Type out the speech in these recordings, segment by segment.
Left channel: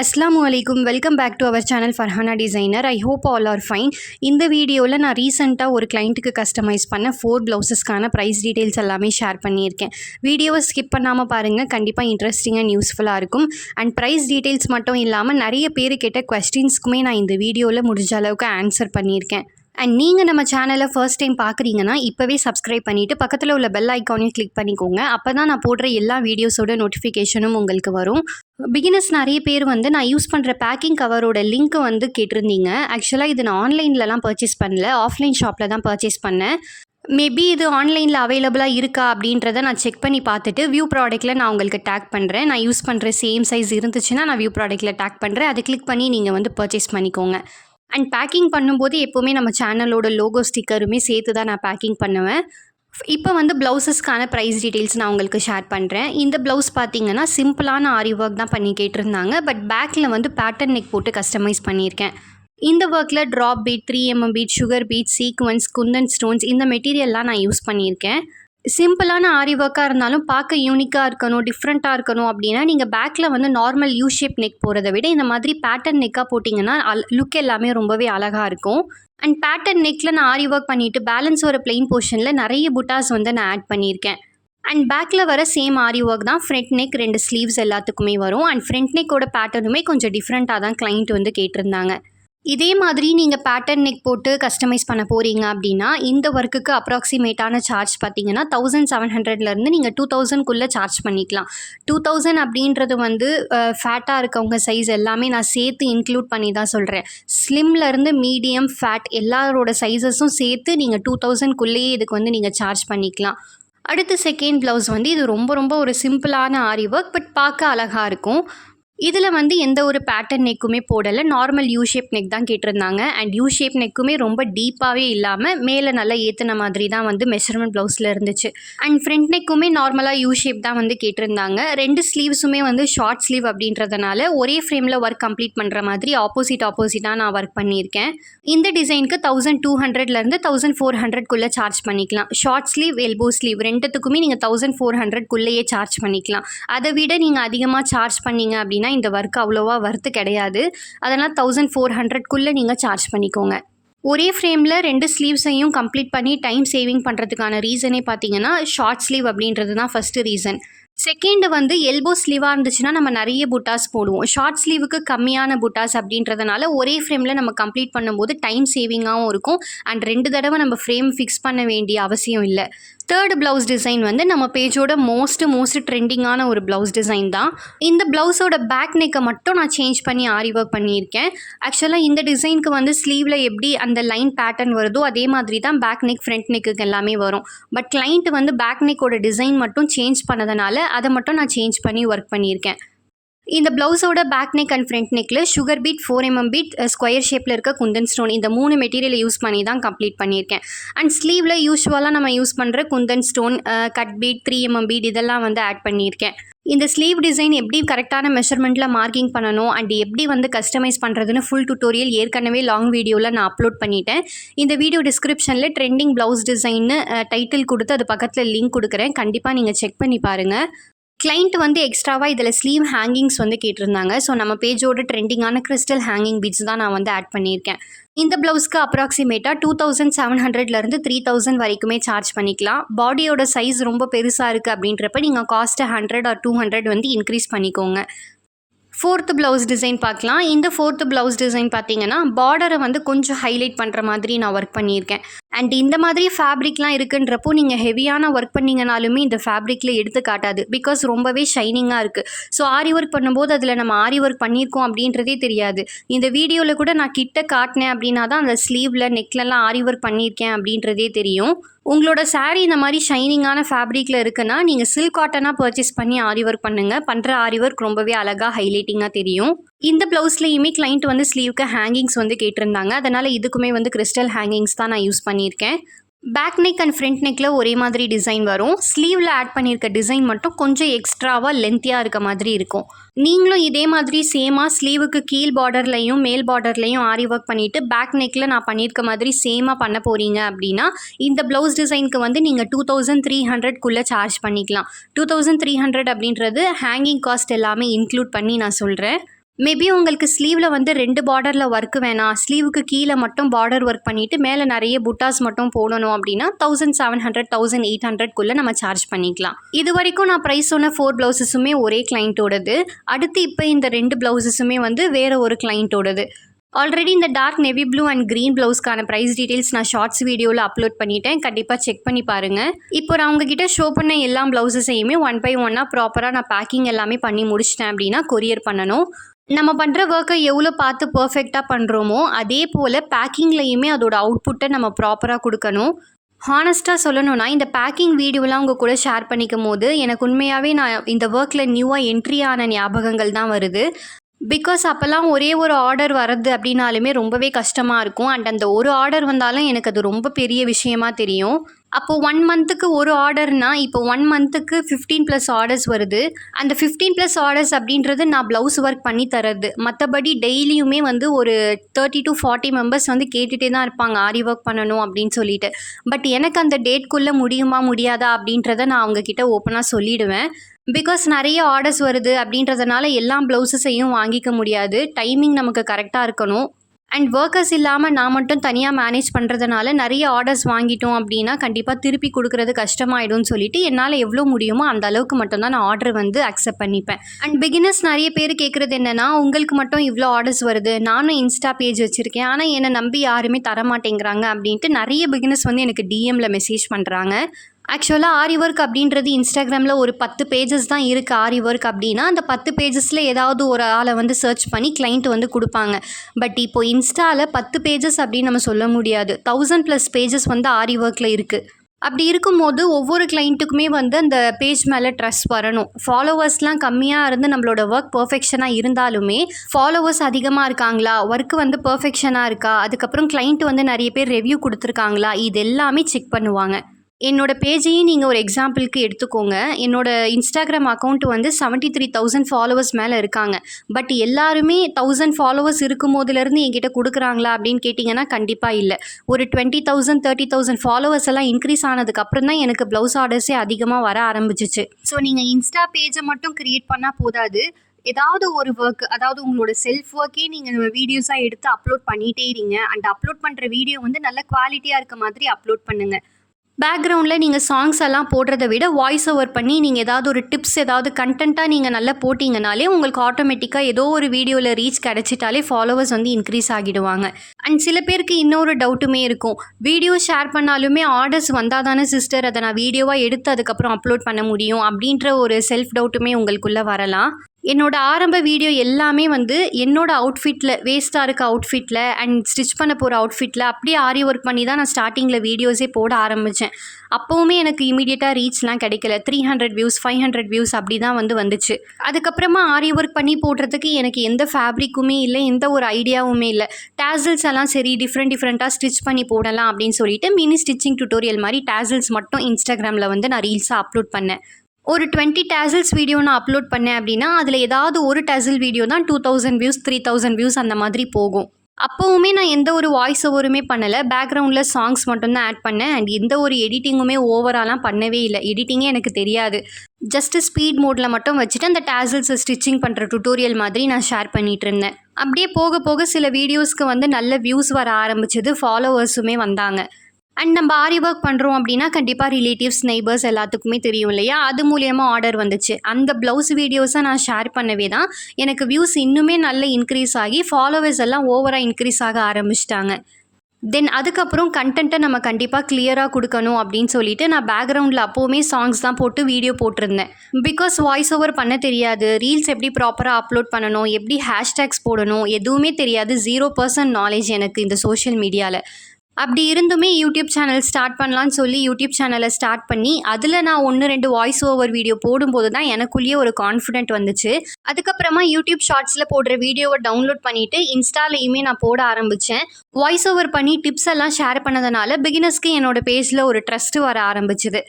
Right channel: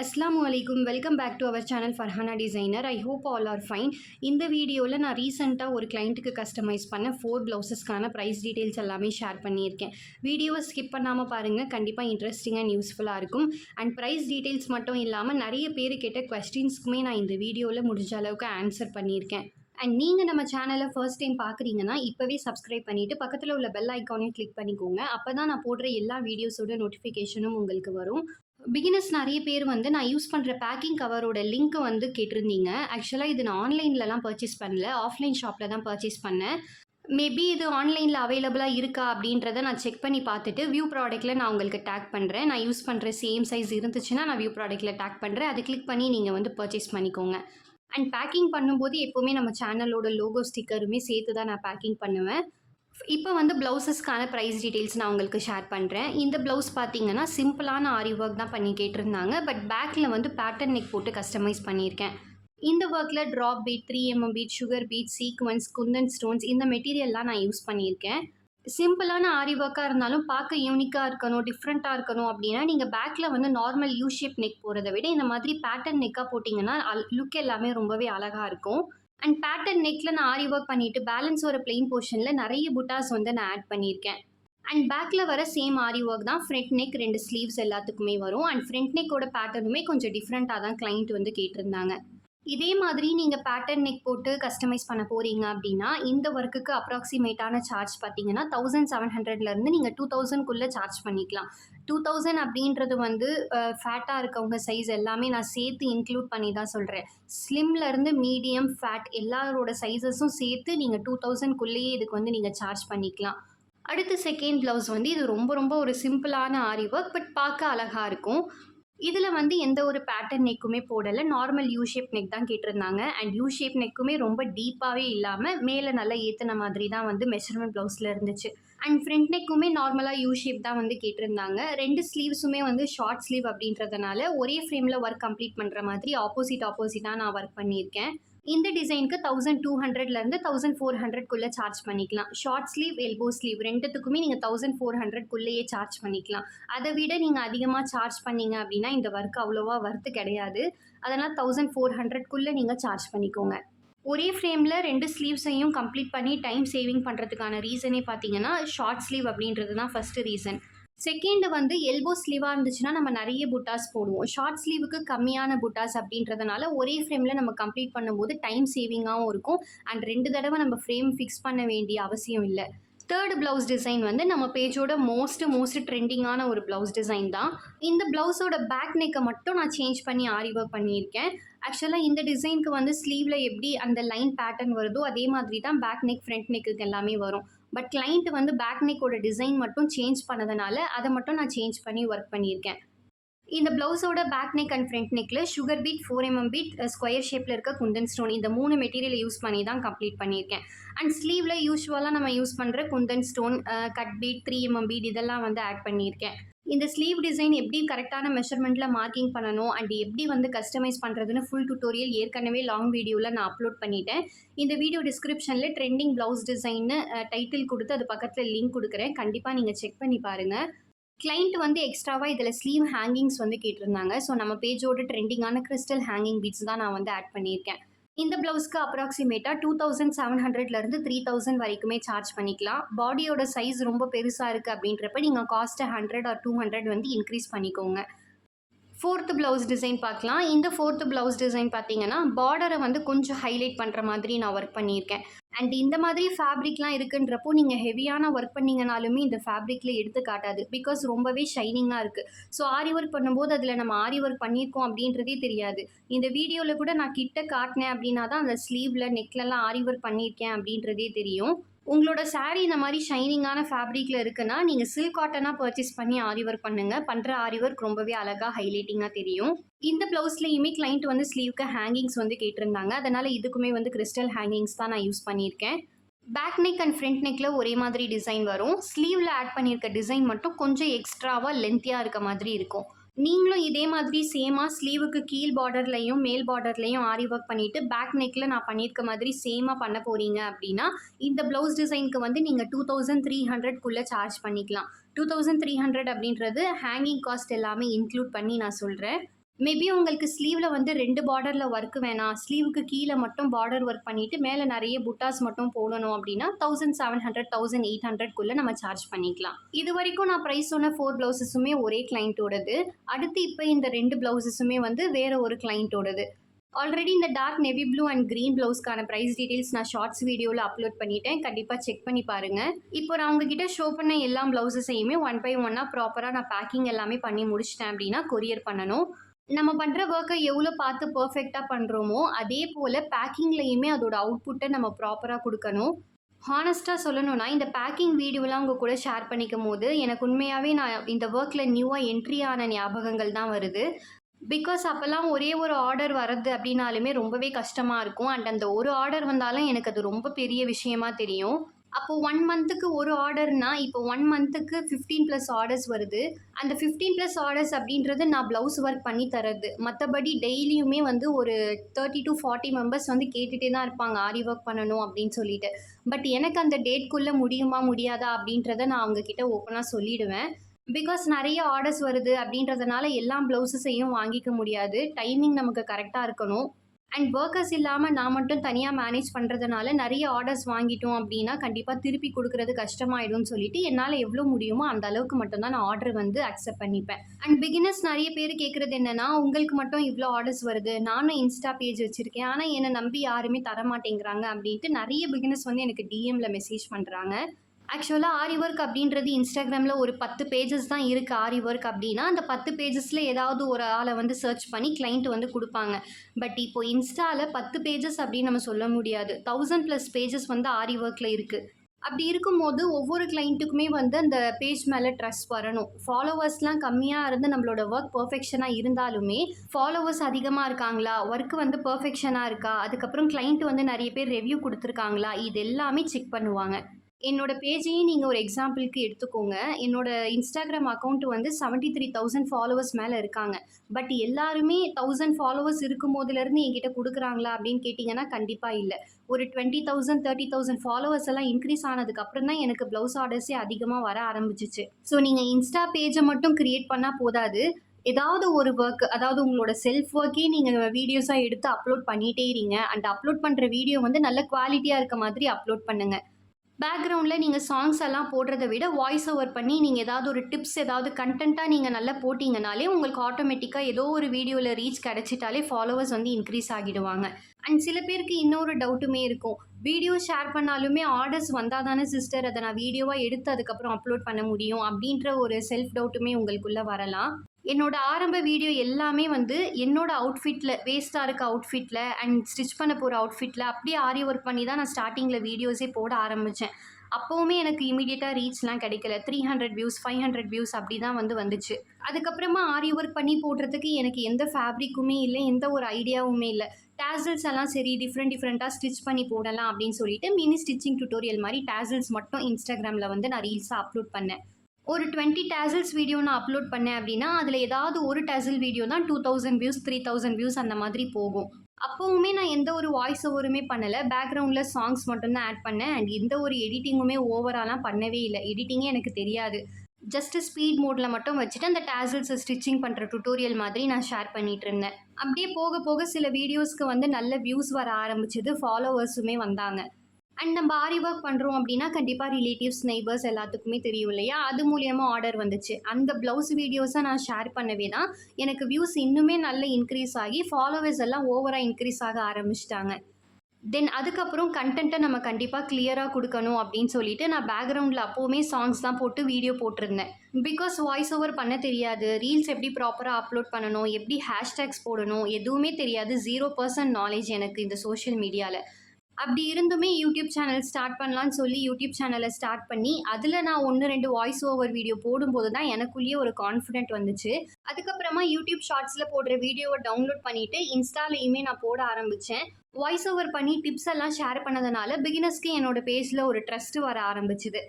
அஸ்ஸலாமு அலைக்கும். Welcome back to our channel Farhana designer. I hope all are fine. இந்த வீடியோவில் நான் ரீசெண்டாக ஒரு கிளைண்ட்டுக்கு கஸ்டமைஸ் பண்ண 4 ப்ளவுசஸ்க்கான ப்ரைஸ் டீட்டெயில்ஸ் எல்லாமே ஷேர் பண்ணியிருக்கேன். வீடியோவை ஸ்கிப் பண்ணாமல் பாருங்கள், கண்டிப்பாக இன்ட்ரெஸ்டிங் அண்ட் யூஸ்ஃபுல்லாக இருக்கும். அண்ட் ப்ரைஸ் டீட்டெயில்ஸ் மட்டும் இல்லாமல் நிறைய பேர் கேட்ட கொஸ்டின்ஸ்க்குமே நான் இந்த வீடியோவில் முடிஞ்ச அளவுக்கு ஆன்சர் பண்ணியிருக்கேன். அண்ட் நீங்கள் நம்ம சேனலை ஃபர்ஸ்ட் டைம் பார்க்குறீங்கன்னா இப்போவே சப்ஸ்கிரைப் பண்ணிவிட்டு பக்கத்தில் உள்ள பெல் ஐக்கானையும் கிளிக் பண்ணிக்கோங்க. அப்போ தான் நான் போடுற எல்லா வீடியோஸோட நோட்டிஃபிகேஷனும் உங்களுக்கு வரும். பிகினர்ஸ் நிறைய பேர் நான் யூஸ் பண்ணுற பேக்கிங் கவரோட லிங்க் கேட்டிருந்தீங்க. ஆக்சுவலாக இது நான் ஆன்லைன்லலாம் பர்ச்சேஸ் பண்ணல, ஆஃப்லைன் ஷாப்பில் தான் பர்ச்சேஸ் பண்ணேன். மேபி இது ஆன்லைனில் அவைலபிளாக இருக்கா அப்படின்றத நான் செக் பண்ணி பார்த்துட்டு வியூ ப்ராடக்ட்டில் நான் உங்களுக்கு டேக் பண்ணுறேன். நான் யூஸ் பண்ணுற சேம் சைஸ் இருந்துச்சுன்னா நான் வியூ ப்ராடக்ட்டில் டேக் பண்ணுறேன். அதை கிளிக் பண்ணி நீங்கள் பர்ச்சேஸ் பண்ணிக்கோங்க. அண்ட் பேக்கிங் பண்ணும்போது எப்போவுமே நம்ம சேனலோட லோகோ ஸ்டிக்கருமே சேர்த்து தான் நான் பேக்கிங் பண்ணுவேன். இப்போ ப்ளவுசஸ்க்கான ப்ரைஸ் டீட்டெயில்ஸ் நான் உங்களுக்கு ஷேர் பண்ணுறேன். இந்த ப்ளவுஸ் பார்த்தீங்கன்னா சிம்பிளான ஆரி ஒர்க் தான் பண்ணி கேட்டிருந்தாங்க. பட் பேக்கில் பேட்டர்ன் நெக் போட்டு கஸ்டமைஸ் பண்ணியிருக்கேன். இந்த ஒர்க்கில் drop bead, 3mm bead, sugar bead, sequins, kundan stones இந்த மெட்டீரியல்லாம் நான் யூஸ் பண்ணியிருக்கேன். சிம்பிளான ஆரி ஒர்க்காக இருந்தாலும் பார்க்க யூனிக்காக இருக்கணும், டிஃப்ரெண்ட்டாக இருக்கணும் அப்படின்னா நீங்கள் பேக்கில் நார்மல் யூ ஷேப் நெக் போகிறத விட இந்த மாதிரி பேட்டர்ன் நெக்காக போட்டிங்கன்னா லுக் எல்லாமே ரொம்பவே அழகாக இருக்கும். அண்ட் பேட்டர்ன் நெக்கில் நான் ஆரி ஒர்க் பண்ணிவிட்டு பேலன்ஸ் ஒரு பிளெயின் போர்ஷனில் நிறைய புட்டாஸ் நான் ஆட் பண்ணியிருக்கேன். அண்ட் பேக்கில் வர சேம் ஆரி ஒர்க் தான் ஃப்ரண்ட் நெக், 2 ஸ்லீவ்ஸ் எல்லாத்துக்குமே வரும். அண்ட் ஃப்ரண்ட் நெக்கோட பேட்டர்னுமே கொஞ்சம் டிஃப்ரெண்ட்டாக தான் கிளைண்ட் கேட்டிருந்தாங்க. இதே மாதிரி நீங்கள் பேட்டர்ன் நெக் போட்டு கஸ்டமைஸ் பண்ண போகிறீங்க அப்படின்னா இந்த ஒர்க்குக்கு அப்ராக்சிமேட்டான சார்ஜ் பார்த்தீங்கன்னா 1700லேருந்து நீங்கள் 2000க்குள்ளே சார்ஜ் பண்ணிக்கலாம். 2000 அப்படின்றது ஃபேட்டாக இருக்கவங்க சைஸ் எல்லாமே நான் சேர்த்து இன்க்ளூட் பண்ணி தான் சொல்கிறேன். ஸ்லிம்லேருந்து மீடியம், ஃபேட் எல்லாரோட சைஸஸும் சேர்த்து நீங்கள் 2000க்குள்ளேயே இதுக்கு நீங்கள் சார்ஜ் பண்ணிக்கலாம். அடுத்து செகண்ட் ப்ளவுஸ் இது ரொம்ப ஒரு சிம்பிளான ஆரி ஒர்க், பட் பார்க்க அழகாக இருக்கும். இதில் எந்த ஒரு பேட்டர்ன் நெக்குமே போடலை, நார்மல் யூ ஷேப் நெக் தான் கேட்டிருந்தாங்க. அண்ட் யூ ஷேப் நெக்குமே ரொம்ப டீப்பாகவே இல்லாமல் மேலே நல்லா ஏற்றின மாதிரி தான் மெஷர்மெண்ட் ப்ளவுஸில் இருந்துச்சு. அண்ட் ஃப்ரண்ட் நெக்குமே நார்மலாக யூ ஷேப் தான் கேட்டிருந்தாங்க. 2 ஸ்லீவ்ஸுமே ஷார்ட் ஸ்லீவ் அப்படின்றதுனால ஒரே ஃப்ரேமில் ஒர்க் கம்ப்ளீட் பண்ணுற மாதிரி ஆப்போசிட்டாக நான் ஒர்க் பண்ணியிருக்கேன். இந்த டிசைனுக்கு 1200லேருந்து 1400க்குள்ளே சார்ஜ் பண்ணிக்கலாம். ஷார்ட் ஸ்லீவ், எல்போ ஸ்லீவ் ரெண்டுத்துக்குமே நீங்கள் 1400க்குள்ளேயே சார்ஜ் பண்ணிக்கலாம். அதை விட நீங்கள் அதிகமாக சார்ஜ் பண்ணிங்க அப்படின்னா இந்த ஒர்க் அவ்வளோவா ஒர்த்து கிடையாது. அதனால் 1400க்குள்ளே நீங்கள் சார்ஜ் பண்ணிக்கோங்க. ஒரே ஃப்ரேமில் 2 ஸ்லீவ்ஸையும் கம்ப்ளீட் பண்ணி டைம் சேவிங் பண்ணுறதுக்கான ரீசனே பார்த்தீங்கன்னா ஷார்ட் ஸ்லீவ் அப்படின்றது தான் ஃபஸ்ட்டு ரீசன். செகண்டு எல்போ ஸ்லீவாக இருந்துச்சுன்னா நம்ம நிறைய புட்டாஸ் போடுவோம். ஷார்ட் ஸ்லீவுக்கு கம்மியான புட்டாஸ் அப்படின்றதுனால ஒரே ஃப்ரேமில் நம்ம கம்ப்ளீட் பண்ணும்போது டைம் சேவிங்காகவும் இருக்கும். அண்ட் 2 தடவை நம்ம ஃப்ரேம் ஃபிக்ஸ் பண்ண வேண்டிய அவசியம் இல்லை. தேர்டு ப்ளவுஸ் டிசைன் நம்ம பேஜோட மோஸ்ட் ட்ரெண்டிங்கான ஒரு ப்ளவுஸ் டிசைன் தான். இந்த ப்ளவுஸோட பேக் நெக்கை மட்டும் நான் சேஞ்ச் பண்ணி ஆரி ஒர்க் பண்ணியிருக்கேன். ஆக்சுவலாக இந்த டிசைனுக்கு ஸ்லீவில் எப்படி அந்த லைன் பேட்டர்ன் வருதோ அதே மாதிரி தான் பேக் நெக், ஃப்ரண்ட் நெக்குக்கு எல்லாமே வரும். பட் கிளைண்ட் பேக் நெக்கோட டிசைன் மட்டும் சேஞ்ச் பண்ணதுனால அதை மட்டும் நான் சேஞ்ச் பண்ணி ஒர்க் பண்ணியிருக்கேன். இந்த ப்ளவுஸோட பேக் நெக் அண்ட் ஃப்ரண்ட் நெக்கில் sugar bead, 4mm bead, square ஷேப்பில் இருக்க குந்தன் ஸ்டோன் இந்த 3 மெட்டீரியலை யூஸ் பண்ணி தான் கம்ப்ளீட் பண்ணியிருக்கேன். அண்ட் ஸ்லீவில் யூஸ்வலாக நம்ம யூஸ் பண்ணுற kundan stone, cut bead, 3mm bead இதெல்லாம் ஆட் பண்ணியிருக்கேன். இந்த ஸ்லீவ் டிசைன் எப்படி கரெக்டான மெஷர்மெண்ட்டில் மார்க்கிங் பண்ணணும் அண்ட் எப்படி கஸ்டமைஸ் பண்ணுறதுன்னு ஃபுல் டியூட்டோரியல் ஏற்கனவே லாங் வீடியோவில் நான் அப்லோட் பண்ணிட்டேன். இந்த வீடியோ டிஸ்கிரிப்ஷனில் ட்ரெண்டிங் ப்ளவுஸ் டிசைன்னு டைட்டில் கொடுத்து அது பக்கத்தில் லிங்க் கொடுக்குறேன். கண்டிப்பாக நீங்கள் செக் பண்ணி பாருங்கள். கிளைண்ட் எக்ஸ்ட்ராவாக இதில் ஸ்லீவ் ஹேங்கிங்ஸ் கேட்டிருந்தாங்க. ஸோ நம்ம பேஜோட ட்ரெண்டிங்கான கிறிஸ்டல் ஹேங்கிங் பீட்ஸ் தான் நான் ஆட் பண்ணியிருக்கேன். இந்த ப்ளவுஸ்க்கு அப்ராக்சிமேட்டாக 2700லேருந்து 3000 வரைக்குமே சார்ஜ் பண்ணிக்கலாம். பாடியோட சைஸ் ரொம்ப பெருசாக இருக்குது அப்படின்றப்ப நீங்கள் காஸ்ட்டை 100 or 200 இன்க்ரீஸ் பண்ணிக்கோங்க. ஃபோர்த்து ப்ளவுஸ் டிசைன் பார்க்கலாம். இந்த ஃபோர்த்து ப்ளவுஸ் டிசைன் பார்த்தீங்கன்னா பார்டரை கொஞ்சம் ஹைலைட் பண்ணுற மாதிரி நான் ஒர்க் பண்ணியிருக்கேன். அண்ட் இந்த மாதிரி ஃபேப்ரிக்லாம் இருக்குன்றப்போ நீங்கள் ஹெவியான ஒர்க் பண்ணிங்கனாலுமே இந்த ஃபேப்ரிக்கில் எடுத்து காட்டாது. பிகாஸ் ரொம்பவே ஷைனிங்காக இருக்குது. ஸோ ஆரி ஒர்க் பண்ணும்போது அதில் நம்ம ஆரி ஒர்க் பண்ணியிருக்கோம் அப்படின்றதே தெரியாது. இந்த வீடியோவில் கூட நான் கிட்ட காட்டினேன் அப்படின்னா தான் அந்த ஸ்லீவில், நெக்லெல்லாம் ஆரி ஒர்க் பண்ணியிருக்கேன் அப்படின்றதே தெரியும். உங்களோட சாரீ இந்த மாதிரி ஷைனிங்கான ஃபேப்ரிக்கில் இருக்குன்னா நீங்கள் சில்க் காட்டனாக பர்ச்சேஸ் பண்ணி ஆரி ஒர்க் பண்ணுங்கள். பண்ணுற ஆரி ஒர்க் ரொம்பவே அழகாக ஹைலைட்டிங்காக தெரியும். இந்த ப்ளவுஸ்லையுமே கிளைண்ட் ஸ்லீவுக்கு ஹேங்கிங்ஸ் கேட்டிருந்தாங்க. அதனால் இதுக்குமே கிறிஸ்டல் ஹேங்கிங்ஸ் தான் நான் யூஸ் பண்ணியிருக்கேன். பேக் நெக் அண்ட் ஃப்ரண்ட் நெக்கில் ஒரே மாதிரி டிசைன் வரும். ஸ்லீவில் ஆட் பண்ணியிருக்க டிசைன் மட்டும் கொஞ்சம் எக்ஸ்ட்ராவாக லென்த்தியாக இருக்க மாதிரி இருக்கும். நீங்களும் இதே மாதிரி சேமாக ஸ்லீவுக்கு கீழ் பார்டர்லையும் மேல் பார்டர்லையும் ஆரி ஒர்க் பண்ணிவிட்டு பேக் நெக்கில் நான் பண்ணியிருக்க மாதிரி சேமாக பண்ண போகிறீங்க அப்படின்னா இந்த ப்ளவுஸ் டிசைனுக்கு நீங்கள் 2300க்குள்ளே சார்ஜ் பண்ணிக்கலாம். 2300 அப்படின்றது ஹேங்கிங் காஸ்ட் எல்லாமே இன்க்ளூட் பண்ணி நான் சொல்கிறேன். மேபி உங்களுக்கு ஸ்லீவில் வந்து 2 பார்டரில் ஒர்க் வேணாம், ஸ்லீவுக்கு கீழே மட்டும் பார்டர் ஒர்க் பண்ணிவிட்டு மேலே நிறைய புட்டாஸ் மட்டும் போடணும் அப்படின்னா 1700 1800க்குள்ளே நம்ம சார்ஜ் பண்ணிக்கலாம். இது வரைக்கும் நான் ப்ரைஸ் சொன்ன 4 ப்ளவுஸஸுமே ஒரே கிளைண்ட்டோடது. அடுத்து இப்போ இந்த 2 ப்ளவுஸஸுமே வந்து வேறு ஒரு கிளைண்ட்டோடது. ஆல்ரெடி இந்த dark navy blue and green ப்ளவுஸ்க்கான ப்ரைஸ் டீட்டெயில்ஸ் நான் ஷார்ட்ஸ் வீடியோவில் அப்லோட் பண்ணிட்டேன். கண்டிப்பாக செக் பண்ணி பாருங்கள். இப்போ நான் உங்ககிட்ட ஷோ பண்ண எல்லா ப்ளவுஸஸையுமே 1 by 1 ப்ராப்பராக நான் பேக்கிங் எல்லாமே பண்ணி முடிச்சிட்டேன் அப்படின்னா கொரியர் பண்ணணும். நம்ம பண்ணுற ஒர்க்கை எவ்வளோ பார்த்து பர்ஃபெக்டாக பண்ணுறோமோ அதே போல் பேக்கிங்லேயுமே அதோட அவுட்புட்டை நம்ம ப்ராப்பராக கொடுக்கணும். ஹானஸ்ட்டாக சொல்லணும்னா இந்த பேக்கிங் வீடியோலாம் உங்கள் கூட ஷேர் பண்ணிக்கும் போது எனக்கு உண்மையாகவே நான் இந்த ஒர்க்கில் நியூவாக என்ட்ரி ஆன ஞாபகங்கள் தான் வருது. பிகாஸ் அப்போல்லாம் ஒரே ஒரு ஆர்டர் வர்றது அப்படின்னாலுமே ரொம்பவே கஷ்டமாக இருக்கும். அண்ட் அந்த ஒரு ஆர்டர் வந்தாலும் எனக்கு அது ரொம்ப பெரிய விஷயமா தெரியும். அப்போது 1 மந்த்துக்கு ஒரு ஆர்டர்னால் இப்போ 1 மந்த்துக்கு 15+ ஆர்டர்ஸ் வருது. அந்த 15+ ஆர்டர்ஸ் அப்படின்றது நான் ப்ளவுஸ் ஒர்க் பண்ணி தரது. மற்றபடி டெய்லியுமே வந்து ஒரு 30 to 40 மெம்பர்ஸ் வந்து கேட்டுகிட்டே தான் இருப்பாங்க ஆரி ஒர்க் பண்ணணும் அப்படின்னு சொல்லிட்டு. பட் எனக்கு அந்த டேட்குள்ளே முடியுமா முடியாதா அப்படின்றத நான் அவங்கக்கிட்ட ஓப்பனாக சொல்லிவிடுவேன். பிகாஸ் நிறைய ஆர்டர்ஸ் வருது அப்படின்றதுனால எல்லா ப்ளவுஸஸையும் வாங்கிக்க முடியாது. டைமிங் நமக்கு கரெக்டாக இருக்கணும். அண்ட் ஒர்க்கர்ஸ் இல்லாமல் நான் மட்டும் தனியாக மேனேஜ் பண்ணுறதுனால நிறைய ஆர்டர்ஸ் வாங்கிட்டோம் அப்படின்னா கண்டிப்பாக திருப்பி கொடுக்குறது கஷ்டமாயிடும்னு சொல்லிட்டு என்னால் எவ்வளோ முடியுமோ அந்த அளவுக்கு மட்டும்தான் நான் ஆர்டர் வந்து அக்செப்ட் பண்ணிப்பேன். அண்ட் பிகினர்ஸ் நிறைய பேர் கேட்குறது என்னென்னா, உங்களுக்கு மட்டும் இவ்வளோ ஆர்டர்ஸ் வருது, நானும் இன்ஸ்டா பேஜ் வச்சுருக்கேன், ஆனால் என்னை நம்பி யாருமே தரமாட்டேங்கிறாங்க அப்படின்ட்டு நிறைய பிகினர்ஸ் வந்து எனக்கு டிஎம்மில் மெசேஜ் பண்ணுறாங்க. ஆக்சுவலாக ஆரி ஒர்க் அப்படின்றது இன்ஸ்டாகிராமில் ஒரு 10 பேஜஸ் தான் இருக்குது. ஆரி ஒர்க் அப்படின்னா அந்த 10 பேஜஸில் ஏதாவது ஒரு ஆளை வந்து சர்ச் பண்ணி கிளைண்ட் வந்து கொடுப்பாங்க. பட் இப்போ இன்ஸ்டாவில் 10 பேஜஸ் அப்படின்னு நம்ம சொல்ல முடியாது. 1000+ பேஜஸ் வந்து ஆரி ஒர்க்கில் இருக்குது. அப்படி இருக்கும்போது ஒவ்வொரு கிளைண்ட்டுக்குமே வந்து அந்த பேஜ் மேலே ட்ரஸ்ட் வரணும். ஃபாலோவர்ஸ்லாம் கம்மியாக இருந்து நம்மளோட ஒர்க் பர்ஃபெக்ஷனாக இருந்தாலுமே ஃபாலோவர்ஸ் அதிகமாக இருக்காங்களா, ஒர்க்கு வந்து பர்ஃபெக்ஷனாக இருக்கா, அதுக்கப்புறம் கிளைண்ட் வந்து நிறைய பேர் ரிவ்யூ கொடுத்துருக்காங்களா, இது எல்லாமே செக் பண்ணுவாங்க. என்னோட பேஜையும் நீங்கள் ஒரு எக்ஸாம்பிளுக்கு எடுத்துக்கோங்க. என்னோட இன்ஸ்டாகிராம் அக்கௌண்ட் வந்து 73,000 ஃபாலோவர்ஸ் மேலே இருக்காங்க. பட் எல்லாருமே 1000 ஃபாலோவர்ஸ் இருக்கும் போதுலேருந்து என்கிட்ட கொடுக்குறாங்களா அப்படின்னு கேட்டிங்கன்னா கண்டிப்பாக இல்லை. ஒரு 20,000 30,000 ஃபாலோவர்ஸ் எல்லாம் இன்க்ரீஸ் ஆனதுக்கப்புறம் தான் எனக்கு ப்ளவுஸ் ஆர்டர்ஸே அதிகமாக வர ஆரம்பிச்சிச்சு. ஸோ நீங்கள் இன்ஸ்டா பேஜை மட்டும் க்ரியேட் பண்ணால் போதாது. ஏதாவது ஒரு ஒர்க், அதாவது உங்களோட செல்ஃப் ஒர்க்கே நீங்கள் வீடியோஸாக எடுத்து அப்லோட் பண்ணிகிட்டே இருங்க. அண்ட் அப்லோட் பண்ணுற வீடியோ வந்து நல்ல குவாலிட்டியாக இருக்க மாதிரி அப்லோட் பண்ணுங்கள். பேக்ரவுண்டில் நீங்கள் சாங்ஸ் எல்லாம் போடுறத விட வாய்ஸ் ஓவர் பண்ணி நீங்கள் ஏதாவது ஒரு டிப்ஸ், ஏதாவது கண்டென்ட்டாக நீங்கள் நல்லா போட்டிங்கனாலே உங்களுக்கு ஆட்டோமேட்டிக்காக ஏதோ ஒரு வீடியோவில் ரீச் கிடச்சிட்டாலே ஃபாலோவர்ஸ் வந்து இன்க்ரீஸ் ஆகிடுவாங்க. அண்ட் சில பேருக்கு இன்னொரு டவுட்டுமே இருக்கும், வீடியோ ஷேர் பண்ணாலுமே ஆர்டர்ஸ் வந்தால் தானே சிஸ்டர் அதை நான் வீடியோவாக எடுத்து அதுக்கப்புறம் அப்லோட் பண்ண முடியும் அப்படின்ற ஒரு செல்ஃப் டவுட்டுமே உங்களுக்குள்ளே வரலாம். என்னோட ஆரம்ப வீடியோ எல்லாமே வந்து என்னோட அவுட்ஃபிட்டில், வேஸ்ட்டாக இருக்க அவுட்ஃபிட்டில் அண்ட் ஸ்டிச் பண்ண போகிற அவுட்ஃபிட்டில் அப்படியே ஆரி ஒர்க் பண்ணி தான் நான் ஸ்டார்டிங்கில் வீடியோஸே போட ஆரம்பித்தேன். அப்போவுமே எனக்கு இமீடியட்டாக ரீச்லாம் கிடைக்கல. 300 வியூஸ் 500 வியூஸ் அப்படி தான் வந்துச்சு. அதுக்கப்புறமா ஆரி ஒர்க் பண்ணி போடுறதுக்கு எனக்கு எந்த ஃபேப்ரிக்குமே இல்லை, எந்த ஒரு ஐடியாவுமே இல்லை. டேசல்ஸ் எல்லாம் சரி டிஃப்ரெண்ட்டாக ஸ்டிச் பண்ணி போடலாம் அப்படின்னு சொல்லிட்டு மினி ஸ்டிச்சிங் டியூட்டோரியல் மாதிரி டேசல்ஸ் மட்டும் இன்ஸ்டாகிராமில் வந்து நான் ரீல்ஸாக அப்லோட் பண்ணேன். ஒரு 20 டேசல்ஸ் வீடியோ நான் அப்லோட் பண்ணேன் அப்படின்னா அதில் ஏதாவது ஒரு டேசல் வீடியோ தான் 2000 வியூஸ் 3000 வியூஸ் அந்த மாதிரி போகும். அப்போவுமே நான் எந்த ஒரு வாய்ஸ் ஓவருமே பண்ணலை, பேக்ரவுண்டில் சாங்ஸ் மட்டும்தான் ஆட் பண்ணேன். அண்ட் எந்த ஒரு எடிட்டிங்குமே ஓவராலாம் பண்ணவே இல்லை. எடிட்டிங்கே எனக்கு தெரியாது. ஜஸ்ட்டு ஸ்பீட் மோடில் மட்டும் வச்சுட்டு அந்த டேசல்ஸை ஸ்டிச்சிங் பண்ணுற டுட்டோரியல் மாதிரி நான் ஷேர் பண்ணிகிட்டு இருந்தேன். அப்படியே போக போக சில வீடியோஸ்க்கு வந்து நல்ல வியூஸ் வர ஆரம்பிச்சது, ஃபாலோவர்ஸுமே வந்தாங்க. அண்ட் நம்ம ஆரி ஒர்க் பண்ணுறோம் அப்படின்னா கண்டிப்பாக ரிலேட்டிவ்ஸ், நெய்பர்ஸ் எல்லாத்துக்குமே தெரியும் இல்லையா, அது மூலயமா ஆர்டர் வந்துச்சு. அந்த ப்ளவுஸ் வீடியோஸை நான் ஷேர் பண்ணவே தான் எனக்கு வியூஸ் இன்னுமே நல்ல இன்க்ரீஸ் ஆகி ஃபாலோவர்ஸ் எல்லாம் ஓவராக இன்க்ரீஸ் ஆக ஆரம்பிச்சிட்டாங்க. தென் அதுக்கப்புறம் கண்டென்ட்டை நம்ம கண்டிப்பாக கிளியராக கொடுக்கணும் அப்படின்னு சொல்லிட்டு நான் பேக்ரவுண்டில் அப்போவுமே சாங்ஸ் தான் போட்டு வீடியோ போட்டிருந்தேன். பிகாஸ் வாய்ஸ் ஓவர் பண்ண தெரியாது, ரீல்ஸ் எப்படி ப்ராப்பராக அப்லோட் பண்ணணும், எப்படி ஹேஷ்டேக்ஸ் போடணும் எதுவுமே தெரியாது. 0% நாலேஜ் எனக்கு இந்த சோஷியல் மீடியாவில். அப்படி இருந்துமே யூடியூப் சேனல் ஸ்டார்ட் பண்ணலான்னு சொல்லி யூடியூப் சேனலை ஸ்டார்ட் பண்ணி அதில் நான் 1-2 வாய்ஸ் ஓவர் வீடியோ போடும்போது தான் எனக்குள்ளேயே ஒரு கான்ஃபிடென்ட் வந்துச்சு. அதுக்கப்புறமா யூடியூப் ஷார்ட்ஸில் போடுற வீடியோவை டவுன்லோட் பண்ணிவிட்டு இன்ஸ்டாலையுமே நான் போட ஆரம்பித்தேன். வாய்ஸ் ஓவர் பண்ணி டிப்ஸ் எல்லாம் ஷேர் பண்ணதுனால பிகினர்ஸ்க்கு என்னோட பேஜில் ஒரு ட்ரஸ்ட்டு வர ஆரம்பிச்சுது.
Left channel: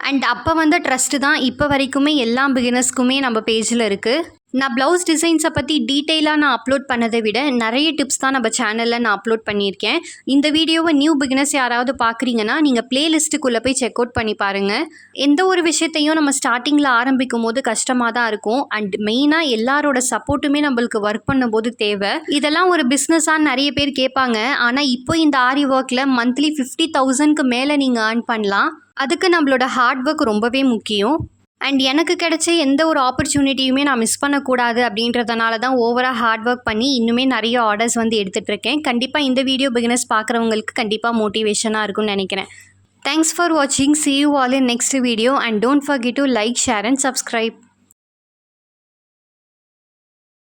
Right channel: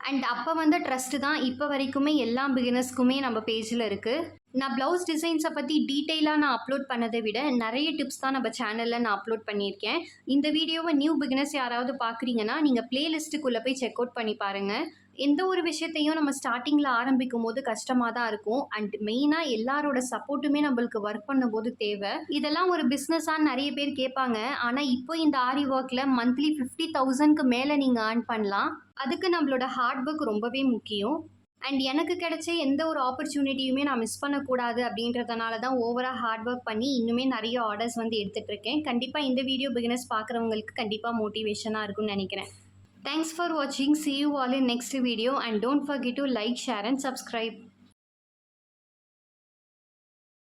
அண்ட் அப்போ வந்த ட்ரஸ்ட்டு தான் இப்போ வரைக்குமே எல்லா பிகினர்ஸ்க்குமே நம்ம பேஜில் இருக்குது. நான் ப்ளவுஸ் டிசைன்ஸை பற்றி டீட்டெயிலாக நான் அப்லோட் பண்ணதை விட நிறைய டிப்ஸ் தான் நம்ம சேனலில் நான் அப்லோட் பண்ணியிருக்கேன். இந்த வீடியோவை நியூ பிகினர்ஸ் யாராவது பார்க்குறீங்கன்னா நீங்கள் பிளேலிஸ்ட்டுக்குள்ளே போய் செக் அவுட் பண்ணி பாருங்கள். எந்த ஒரு விஷயத்தையும் நம்ம ஸ்டார்டிங்கில் ஆரம்பிக்கும் போது கஷ்டமாக தான் இருக்கும். அண்ட் மெயினாக எல்லாரோட சப்போர்ட்டுமே நம்மளுக்கு ஒர்க் பண்ணும்போது தேவை. இதெல்லாம் ஒரு பிஸ்னஸாக நிறைய பேர் கேட்பாங்க. ஆனால் இப்போ இந்த ஆரி ஒர்க்கில் மந்த்லி 50,000க்கு மேலே நீங்கள் ஏர்ன் பண்ணலாம். அதுக்கு நம்மளோட ஹார்ட் ஒர்க் ரொம்பவே முக்கியம். அண்ட் எனக்கு கிடைச்ச எந்த ஒரு ஆப்பர்ச்சுனிட்டியுமே நான் மிஸ் பண்ணக்கூடாது அப்படின்றதுனால தான் ஓவராக ஹார்ட் ஒர்க் பண்ணி இன்னுமே நிறைய ஆர்டர்ஸ் வந்து எடுத்துகிட்ருக்கேன். கண்டிப்பாக இந்த வீடியோ பிகினர்ஸ் பார்க்குறவங்களுக்கு கண்டிப்பாக மோட்டிவேஷனாக இருக்கும்னு நினைக்கிறேன். தேங்க்ஸ் ஃபார் வாட்சிங். See you all in next video and don't forget to like, share and subscribe.